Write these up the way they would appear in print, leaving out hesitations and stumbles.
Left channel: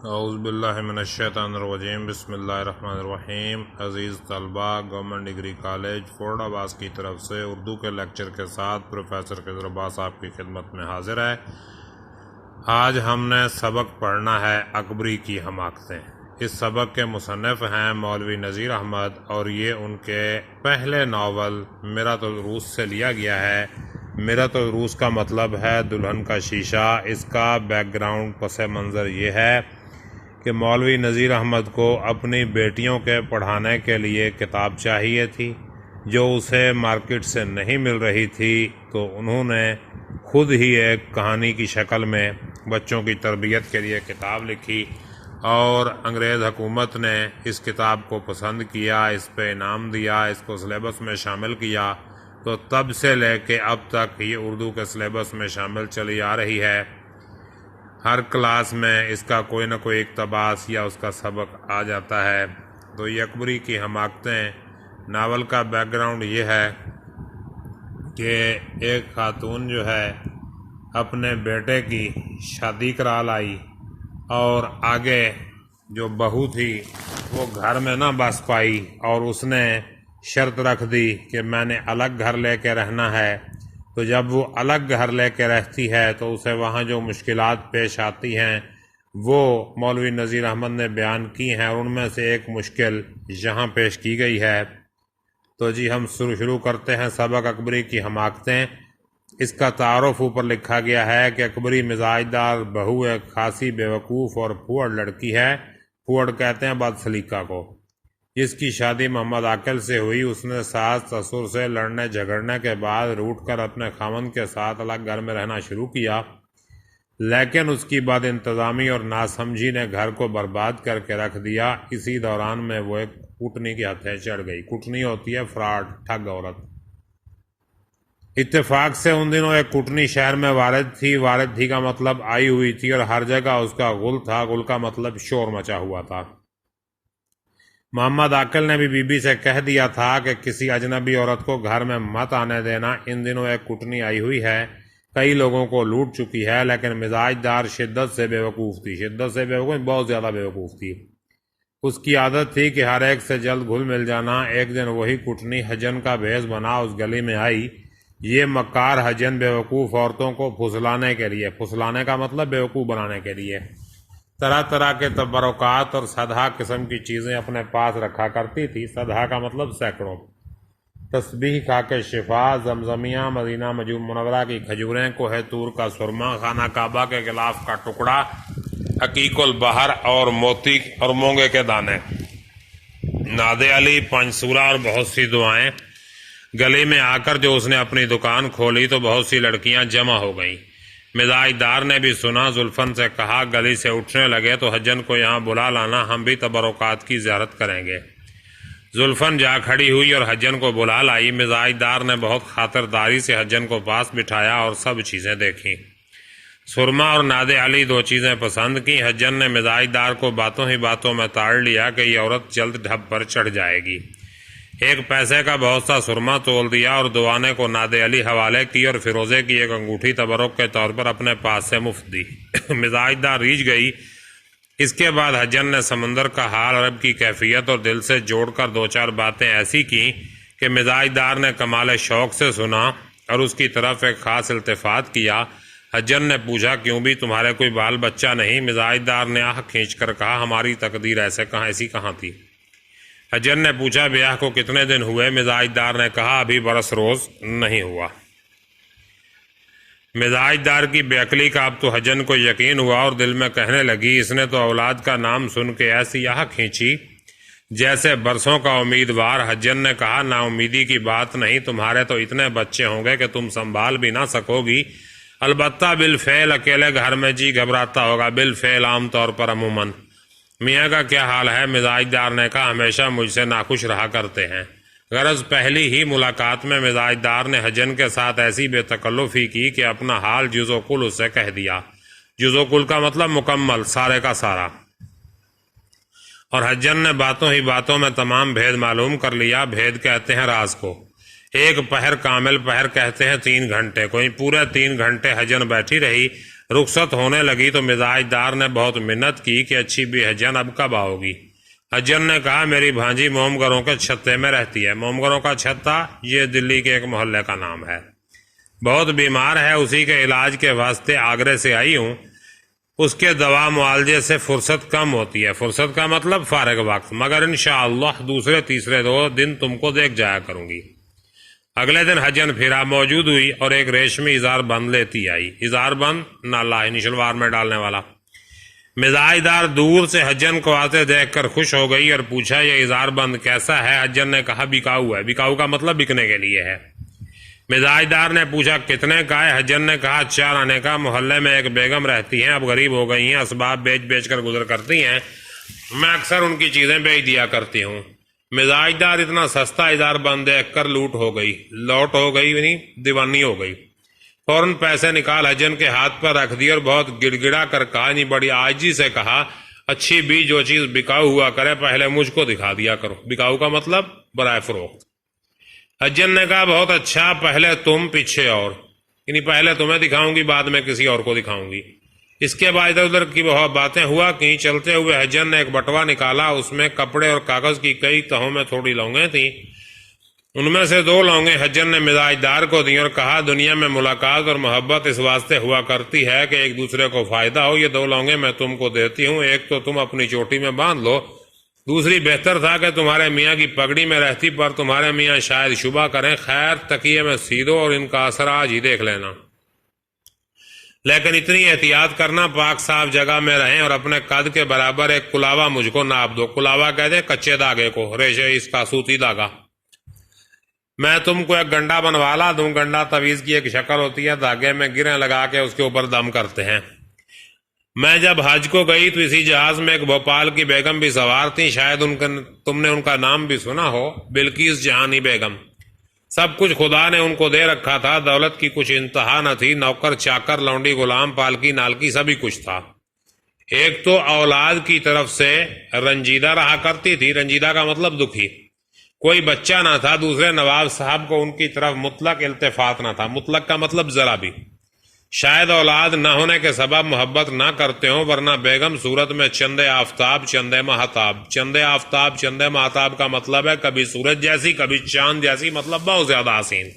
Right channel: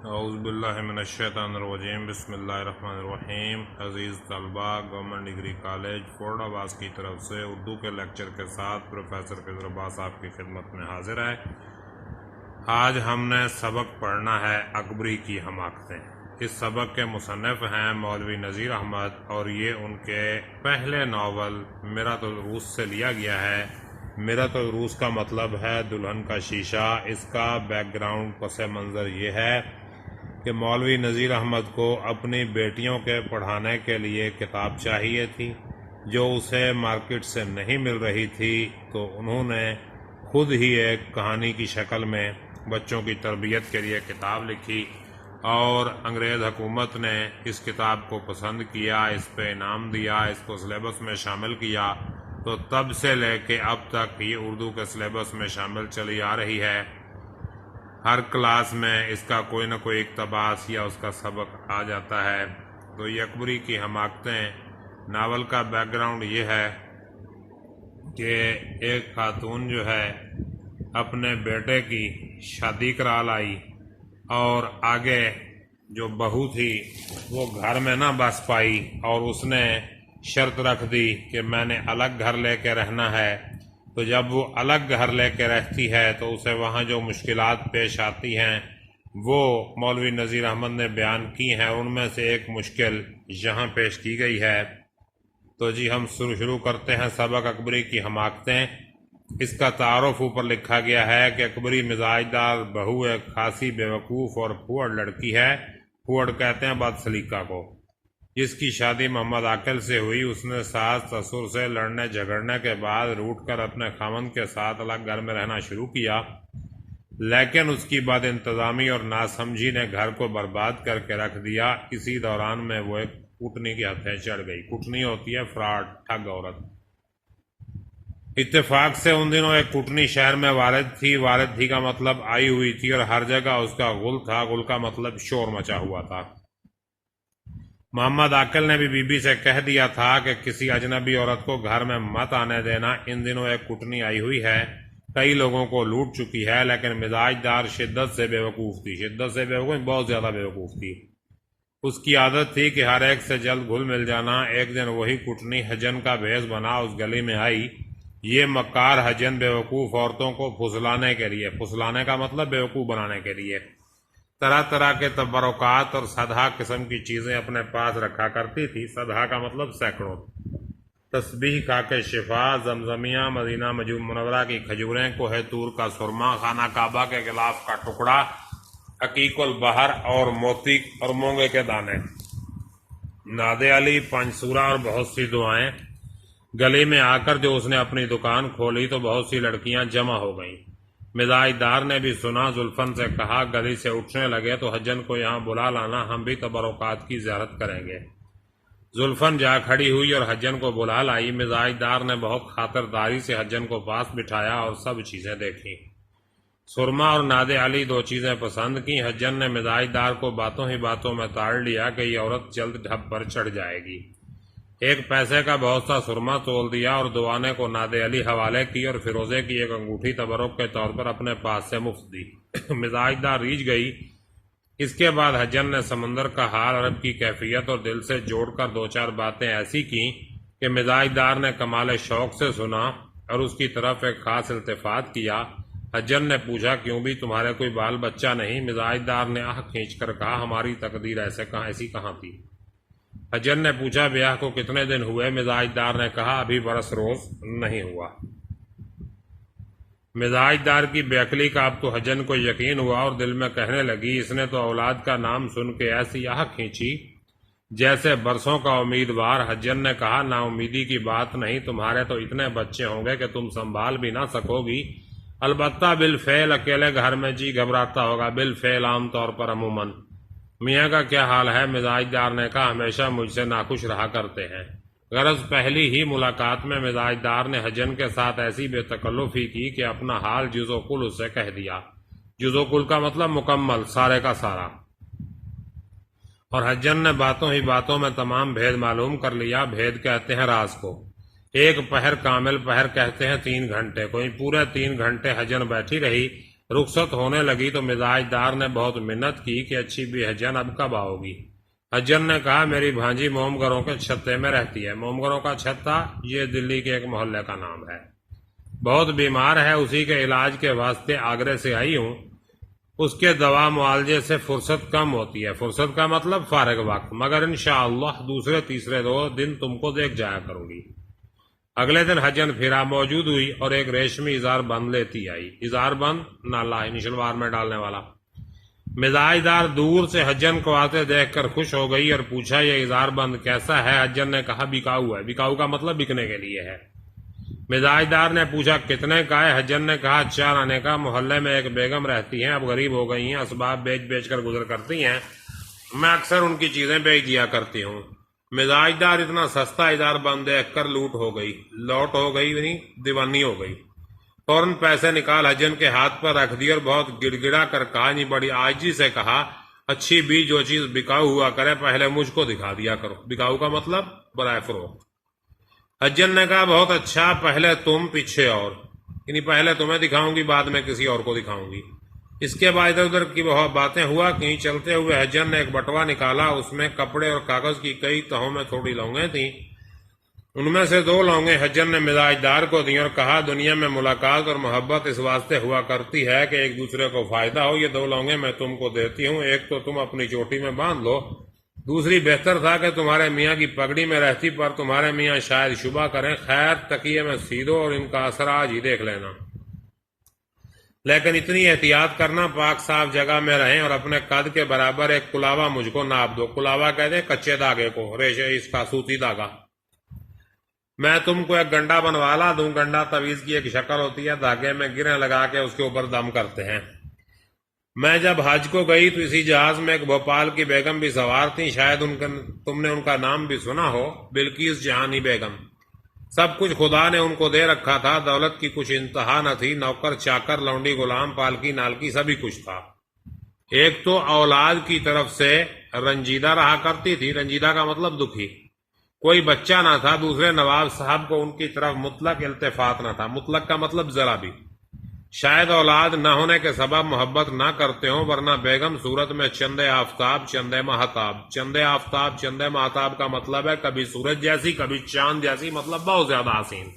اعوذ باللہ من الشیطان الرجیم بسم اللہ الرحمن الرحیم۔ عزیز طلباء، گورنمنٹ ڈگری کالج فورڈ آباز کی طرف سے اردو کے لیکچر کے ساتھ پروفیسر خضر عباس آپ کی خدمت میں حاضر ہے۔ آج ہم نے سبق پڑھنا ہے اکبری کی حماقتیں۔ اس سبق کے مصنف ہیں مولوی نذیر احمد اور یہ ان کے پہلے ناول میرۃ العروس سے لیا گیا ہے۔ میرۃ العروس کا مطلب ہے دلہن کا شیشہ۔ اس کا بیک گراؤنڈ پس منظر یہ ہے کہ مولوی نذیر احمد کو اپنی بیٹیوں کے پڑھانے کے لیے کتاب چاہیے تھی جو اسے مارکیٹ سے نہیں مل رہی تھی، تو انہوں نے خود ہی ایک کہانی کی شکل میں بچوں کی تربیت کے لیے کتاب لکھی اور انگریز حکومت نے اس کتاب کو پسند کیا، اس پہ انعام دیا، اس کو سلیبس میں شامل کیا، تو تب سے لے کے اب تک یہ اردو کے سلیبس میں شامل چلی آ رہی ہے۔ ہر کلاس میں اس کا کوئی نہ کوئی اقتباس یا اس کا سبق آ جاتا ہے۔ تو یہ اکبری کی حماقتیں ناول کا بیک گراؤنڈ یہ ہے کہ ایک خاتون جو ہے اپنے بیٹے کی شادی کرا لائی اور آگے جو بہو تھی وہ گھر میں نہ بس پائی اور اس نے شرط رکھ دی کہ میں نے الگ گھر لے کے رہنا ہے۔ تو جب وہ الگ گھر لے کے رہتی ہے تو اسے وہاں جو مشکلات پیش آتی ہیں وہ مولوی نذیر احمد نے بیان کی ہیں، اور ان میں سے ایک مشکل یہاں پیش کی گئی ہے۔ تو جی ہم شروع کرتے ہیں سبق اکبری کی حماقتیں۔ اس کا تعارف اوپر لکھا گیا ہے کہ اکبری مزاج دار بہو ایک خاصی بیوقوف اور پھوڑ لڑکی ہے۔ پھوڑ کہتے ہیں بد سلیقہ کو، جس کی شادی محمد عاقل سے ہوئی۔ اس نے ساس سسر سے لڑنے جھگڑنے کے بعد روٹ کر اپنے خاوند کے ساتھ الگ گھر میں رہنا شروع کیا، لیکن اس کی بد انتظامی اور ناسمجھی نے گھر کو برباد کر کے رکھ دیا۔ اسی دوران میں وہ ایک کوٹنی کی ہتھیں چڑھ گئی۔ کوٹنی ہوتی ہے فراڈ، ٹھگ عورت۔ اتفاق سے ان دنوں ایک کوٹنی شہر میں وارد تھی۔ وارد تھی کا مطلب آئی ہوئی تھی، اور ہر جگہ اس کا غل تھا۔ غل کا مطلب شور مچا ہوا تھا۔ محمد عاقل نے بھی بی بی سے کہہ دیا تھا کہ کسی اجنبی عورت کو گھر میں مت آنے دینا۔ ان دنوں ایک کوٹنی آئی ہوئی ہے، کئی لوگوں کو لوٹ چکی ہے، لیکن مزاج دار شدت سے بیوقوف تھی۔ شدت سے بیوقوف، بہت زیادہ بیوقوف تھی۔ اس کی عادت تھی کہ ہر ایک سے جلد گھل مل جانا۔ ایک دن وہی کوٹنی حجن کا بھیس بنا اس گلی میں آئی۔ یہ مکار حجن بیوقوف عورتوں کو پھسلانے کے لیے، پھسلانے کا مطلب بیوقوف بنانے کے لیے، طرح طرح کے تبرکات اور سدھا قسم کی چیزیں اپنے پاس رکھا کرتی تھی۔ سدھا کا مطلب سینکڑوں، تسبیح، خاک شفا، زمزمیہ، مدینہ منورہ کی کھجوریں، کوہ طور کا سرما، خانہ کعبہ کے غلاف کا ٹکڑا، عقیق البحر اور موتی اور مونگے کے دانے، ناد علی، پنج سورہ اور بہت سی دعائیں۔ گلی میں آ کر جو اس نے اپنی دکان کھولی تو بہت سی لڑکیاں جمع ہو گئیں۔ مزاج دار نے بھی سنا، زلفن سے کہا گلی سے اٹھنے لگے تو حجن کو یہاں بلا لانا، ہم بھی تبرکات کی زیارت کریں گے۔ زلفن جا کھڑی ہوئی اور حجن کو بلا لائی۔ مزاج دار نے بہت خاطرداری سے حجن کو پاس بٹھایا اور سب چیزیں دیکھیں۔ سرما اور ناد علی دو چیزیں پسند کی۔ حجن نے مزاج دار کو باتوں ہی باتوں میں تاڑ لیا کہ یہ عورت جلد ڈھب پر چڑھ جائے گی۔ ایک پیسے کا بہت سا سرما تول دیا اور دوانے کو ناد علی حوالے کی اور فیروزے کی ایک انگوٹھی تبرک کے طور پر اپنے پاس سے مفت دی۔ مزاج دار ریجھ گئی۔ اس کے بعد حجن نے سمندر کا حال، عرب کی کیفیت اور دل سے جوڑ کر دو چار باتیں ایسی کی کہ مزاج دار نے کمال شوق سے سنا اور اس کی طرف ایک خاص التفات کیا۔ حجن نے پوچھا کیوں بھی تمہارے کوئی بال بچہ نہیں؟ مزاج دار نے آہ کھینچ کر کہا ہماری تقدیر ایسی کہاں تھی۔ حجن نے پوچھا بیاہ کو کتنے دن ہوئے؟ مزاج دار نے کہا ابھی برس روز نہیں ہوا۔ مزاج دار کی بے عقلی کا اب تو حجن کو یقین ہوا اور دل میں کہنے لگی اس نے تو اولاد کا نام سن کے ایسی آہ کھینچی جیسے برسوں کا امیدوار۔ حجن نے کہا نا امیدی کی بات نہیں، تمہارے تو اتنے بچے ہوں گے کہ تم سنبھال بھی نہ سکو گی۔ البتہ بالفعل اکیلے گھر میں جی گھبراتا ہوگا، بالفعل عام طور پر عموماً۔ میاں کا کیا حال ہے؟ مزاج دار نے کہا ہمیشہ مجھ سے ناخوش رہا کرتے ہیں۔ غرض پہلی ہی ملاقات میں مزاج دار نے حجن کے ساتھ ایسی بے تکلفی کی کہ اپنا حال جز و کل اسے کہہ دیا۔ جز و کل کا مطلب مکمل، سارے کا سارا۔ اور حجن نے باتوں ہی باتوں میں تمام بھید معلوم کر لیا۔ بھید کہتے ہیں راز کو۔ ایک پہر کامل، پہر کہتے ہیں 3 گھنٹے، کوئی پورے 3 گھنٹے حجن بیٹھی رہی رخصت ہونے لگی تو مزاج دار نے بہت منت کی کہ اچھی بھی حجن اب کب آؤ گی؟ حجن نے کہا میری بھانجی مومگروں کے چھتے میں رہتی ہے۔ مومگروں کا چھتا یہ دلی کے ایک محلے کا نام ہے، بہت بیمار ہے، اسی کے علاج کے واسطے آگرے سے آئی ہوں۔ اس کے دوا معالجے سے فرصت کم ہوتی ہے، فرصت کا مطلب فارغ وقت، مگر انشاءاللہ دوسرے تیسرے دن تم کو دیکھ جایا کروں گی۔ اگلے دن حجن پھرا، موجود ہوئی اور ایک ریشمی اظہار بند لیتی آئی۔ اظہار بند نالا یعنی شلوار میں ڈالنے والا۔ مزاج دار دور سے حجن کو آتے دیکھ کر خوش ہو گئی اور پوچھا یہ اظہار بند کیسا ہے؟ حجن نے کہا بکاؤ ہے۔ بکاؤ کا مطلب بکنے کے لیے ہے۔ مزاج دار نے پوچھا کتنے کا ہے؟ حجن نے کہا 4 آنے کا۔ محلے میں ایک بیگم رہتی ہیں، اب غریب ہو گئی ہیں، اسباب بیچ بیچ کر گزر کرتی ہیں، میں اکثر ان کی چیزیں بیچ دیا کرتی ہوں۔ مزاج دار اتنا سستا اظہار بند دیکھ کر لوٹ ہو گئی یعنی دیوانی ہو گئی۔ فوراً پیسے نکال حجن کے ہاتھ پر رکھ دی اور بہت گڑ گڑا کر کہا، نہیں بڑی عاجزی سے کہا، اچھی بھی جو چیز بکاؤ ہوا کرے پہلے مجھ کو دکھا دیا کرو۔ بکاؤ کا مطلب برائے فروخت۔ حجن نے کہا بہت اچھا، پہلے تم پیچھے اور، یعنی پہلے تمہیں دکھاؤں گی بعد میں کسی اور کو دکھاؤں گی۔ اس کے بعد ادھر ادھر کی بہت باتیں ہوا کہیں۔ چلتے ہوئے حجن نے ایک بٹوا نکالا، اس میں کپڑے اور کاغذ کی کئی تہوں میں تھوڑی لونگیں تھیں۔ ان میں سے 2 لونگیں حجن نے مزاج دار کو دیں اور کہا دنیا میں ملاقات اور محبت اس واسطے ہوا کرتی ہے کہ ایک دوسرے کو فائدہ ہو۔ یہ 2 لونگیں میں تم کو دیتی ہوں، ایک تو تم اپنی چوٹی میں باندھ لو، دوسری بہتر تھا کہ تمہارے میاں کی پگڑی میں رہتی، پر تمہارے میاں شاید شبہ کریں، خیر تکیے میں سی دو اور ان کا اثر آج ہی دیکھ لینا، لیکن اتنی احتیاط کرنا پاک صاف جگہ میں رہیں اور اپنے قد کے برابر ایک کلاوا مجھ کو ناپ دو۔ کلاوا کہتے ہیں کچے دھاگے کو، ریشے اس کا سوتی دھاگا۔ میں تم کو ایک گنڈا بنوا لا دوں۔ گنڈا تعویذ کی ایک شکل ہوتی ہے، دھاگے میں گریں لگا کے اس کے اوپر دم کرتے ہیں۔ میں جب حج کو گئی تو اسی جہاز میں ایک بھوپال کی بیگم بھی سوار تھی، شاید تم نے ان کا نام بھی سنا ہو، بلقیس جہانی بیگم۔ سب کچھ خدا نے ان کو دے رکھا تھا، دولت کی کچھ انتہا نہ تھی، نوکر چاکر لونڈی غلام پالکی نالکی سبھی کچھ تھا۔ ایک تو اولاد کی طرف سے رنجیدہ رہا کرتی تھی، رنجیدہ کا مطلب دکھی، کوئی بچہ نہ تھا۔ دوسرے نواب صاحب کو ان کی طرف مطلق التفات نہ تھا، مطلق کا مطلب ذرا بھی، شاید اولاد نہ ہونے کے سبب محبت نہ کرتے ہوں، ورنہ بیگم صورت میں چندے آفتاب چندے مہتاب۔ چندے آفتاب چندے مہتاب کا مطلب ہے کبھی سورج جیسی کبھی چاند جیسی، مطلب بہت زیادہ حسین۔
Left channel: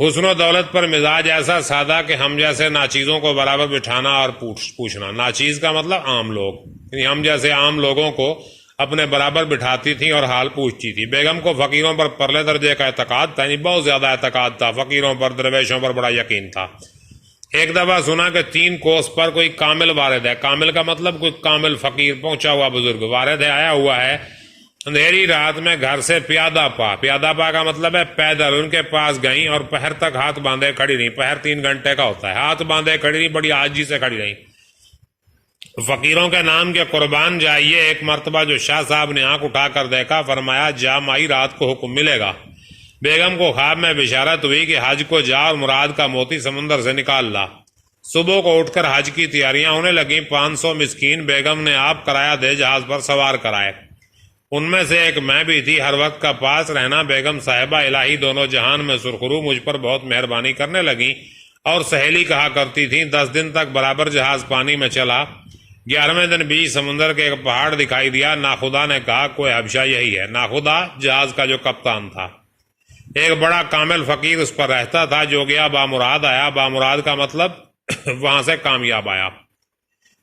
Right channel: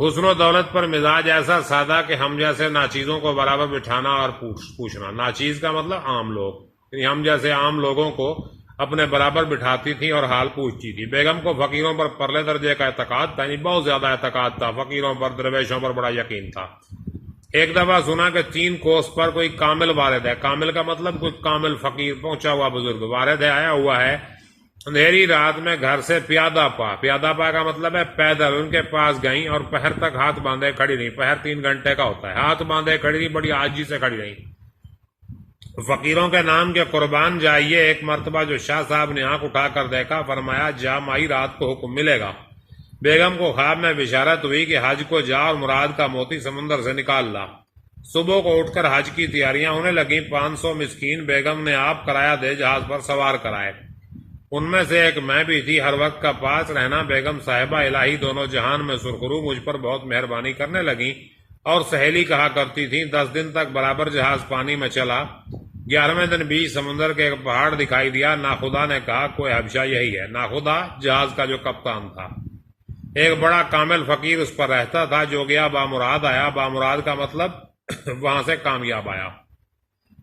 حسن و دولت پر مزاج ایسا سادہ کہ ہم جیسے ناچیزوں کو برابر بٹھانا اور پوچھنا۔ ناچیز کا مطلب عام لوگ، یعنی ہم جیسے عام لوگوں کو اپنے برابر بٹھاتی تھی اور حال پوچھتی تھی۔ بیگم کو فقیروں پر پرلے درجے کا اعتقاد تھا، یعنی بہت زیادہ اعتقاد تھا، فقیروں پر درویشوں پر بڑا یقین تھا۔ ایک دفعہ سنا کہ 3 کوس پر کوئی کامل وارد ہے، کامل کا مطلب کوئی کامل فقیر پہنچا ہوا بزرگ، وارد ہے آیا ہوا ہے، اندھیری رات میں گھر سے پیادہ پا کا مطلب ہے پیدل ان کے پاس گئیں اور پہر تک ہاتھ باندھے کھڑی رہیں۔ پہر 3 گھنٹے کا ہوتا ہے، ہاتھ باندھے کھڑی رہیں، بڑی عاجزی سے کھڑی رہیں۔ فقیروں کے نام کے قربان جائیے۔ ایک مرتبہ جو شاہ صاحب نے آنکھ اٹھا کر دیکھا، فرمایا جا مائی رات کو حکم ملے گا۔ بیگم کو خواب میں بشارت ہوئی کہ حج کو جا اور مراد کا موتی سمندر سے نکال لا۔ صبح کو اٹھ کر حج کی تیاریاں ہونے لگیں۔ 500 مسکین بیگم نے آپ کرایہ دے جہاز پر سوار کرائے، ان میں سے ایک میں بھی تھی۔ ہر وقت کا پاس رہنا بیگم صاحبہ الہی دونوں جہان میں سرخرو مجھ پر بہت مہربانی کرنے لگیں اور سہیلی کہا کرتی تھیں۔ 10 دن تک برابر جہاز پانی میں چلا۔ 11ویں دن بیچ سمندر کے ایک پہاڑ دکھائی دیا۔ ناخدا نے کہا کوئی حبشہ یہی ہے۔ ناخدا جہاز کا جو کپتان تھا، ایک بڑا کامل فقیر اس پر رہتا تھا، جو گیا بامراد آیا۔ بامراد کا مطلب وہاں سے کامیاب آیا۔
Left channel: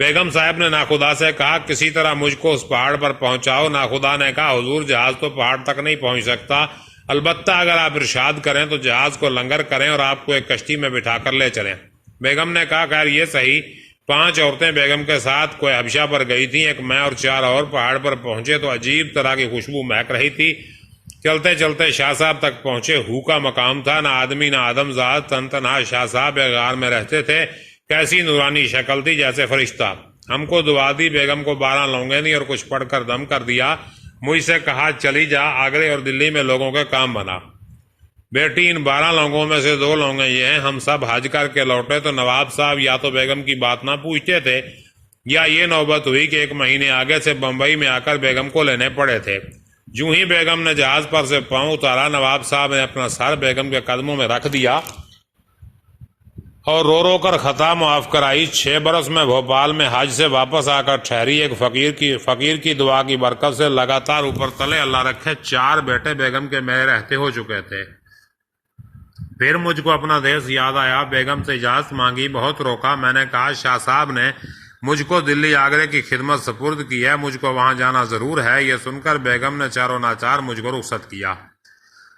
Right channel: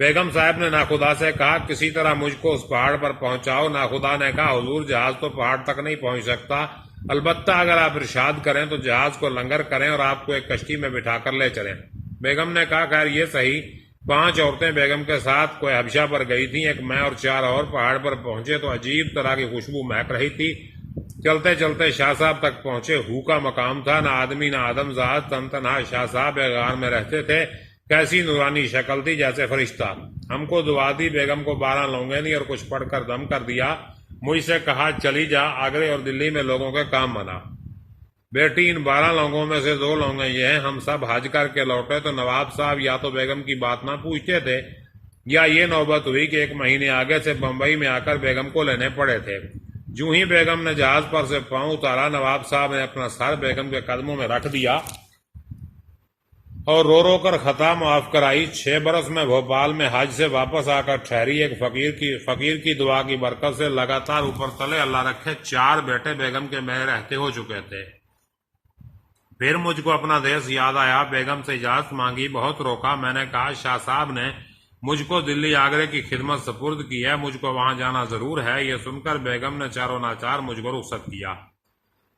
بیگم صاحب نے ناخدا سے کہا کسی طرح مجھ کو اس پہاڑ پر پہنچاؤ۔ ناخدا نے کہا حضور جہاز تو پہاڑ تک نہیں پہنچ سکتا، البتہ اگر آپ ارشاد کریں تو جہاز کو لنگر کریں اور آپ کو ایک کشتی میں بٹھا کر لے چلیں۔ بیگم نے کہا خیر یہ صحیح۔ 5 عورتیں بیگم کے ساتھ کوئی حبشہ پر گئی تھیں، ایک میں اور 4 اور پہاڑ پر پہنچے تو عجیب طرح کی خوشبو مہک رہی تھی۔ چلتے چلتے شاہ صاحب تک پہنچے۔ ہو کا مقام تھا، نہ آدمی نہ آدم ذات، تن تنہا شاہ صاحب ایک غار میں رہتے تھے۔ کیسی نورانی شکل تھی جیسے فرشتہ۔ ہم کو دعا دی، بیگم کو 12 لونگیں دی اور کچھ پڑھ کر دم کر دیا۔ مجھ سے کہا چلی جا، آگرے اور دلی میں لوگوں کا کام بنا۔ بیٹی ان 12 لونگوں میں سے 2 لونگیں یہ ہیں، ہم سب حج کر کے لوٹے تو نواب صاحب یا تو بیگم کی بات نہ پوچھتے تھے یا یہ نوبت ہوئی کہ 1 مہینے آگے سے بمبئی میں آ کر بیگم کو لینے پڑے تھے۔ جو ہی بیگم نے جہاز پر سے پاؤں اتارا، نواب صاحب نے اپنا سر بیگم کے قدموں میں رکھ دیا اور رو رو کر خطا معاف کرائی۔ 6 برس میں بھوپال میں حج سے واپس آ کر ٹھہری ایک فقیر کی دعا کی برکت سے لگاتار اوپر تلے اللہ رکھے 4 بیٹے بیگم کے میرے رہتے ہو چکے تھے۔ پھر مجھ کو اپنا دیس یاد آیا، بیگم سے اجازت مانگی، بہت روکا۔ میں نے کہا شاہ صاحب نے مجھ کو دلی آگرے کی خدمت سپرد کی ہے، مجھ کو وہاں جانا ضرور ہے۔ یہ سن کر بیگم نے چاروں ناچار مجھ کو رخصت کیا۔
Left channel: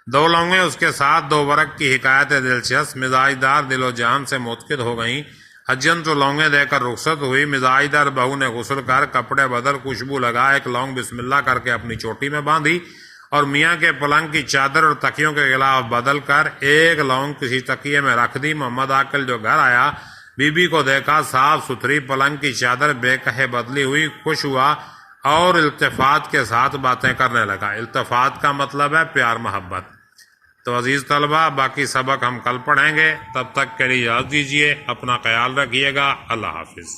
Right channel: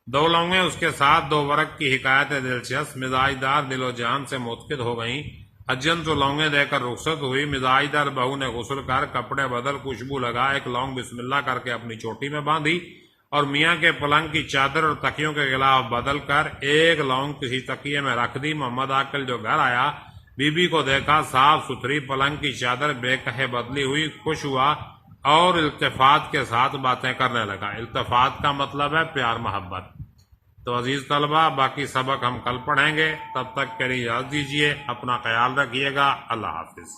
2 لونگیں اس کے ساتھ 2 برق کی حکایت دلچسپ، مزاج دار دل و جان سے متقد ہو گئیں۔ اجن تو لونگیں دے کر رخصت ہوئی۔ مزاج دار بہو نے غسل کر کپڑے بدل خوشبو لگا، ایک لونگ بسم اللہ کر کے اپنی چوٹی میں باندھی اور میاں کے پلنگ کی چادر اور تکیوں کے غلاف بدل کر ایک لونگ کسی تکیے میں رکھ دی۔ محمد عاقل جو گھر آیا، بی بی کو دیکھا صاف ستھری پلنگ کی چادر بے کہے بدلی ہوئی، خوش ہوا اور التفات کے ساتھ باتیں کرنے لگا۔ التفات کا مطلب ہے پیار محبت۔ تو عزیز طلبہ، باقی سبق ہم کل پڑھیں گے، تب تک کے لیے اجازت دیجیے، اپنا خیال رکھیے گا، اللہ حافظ۔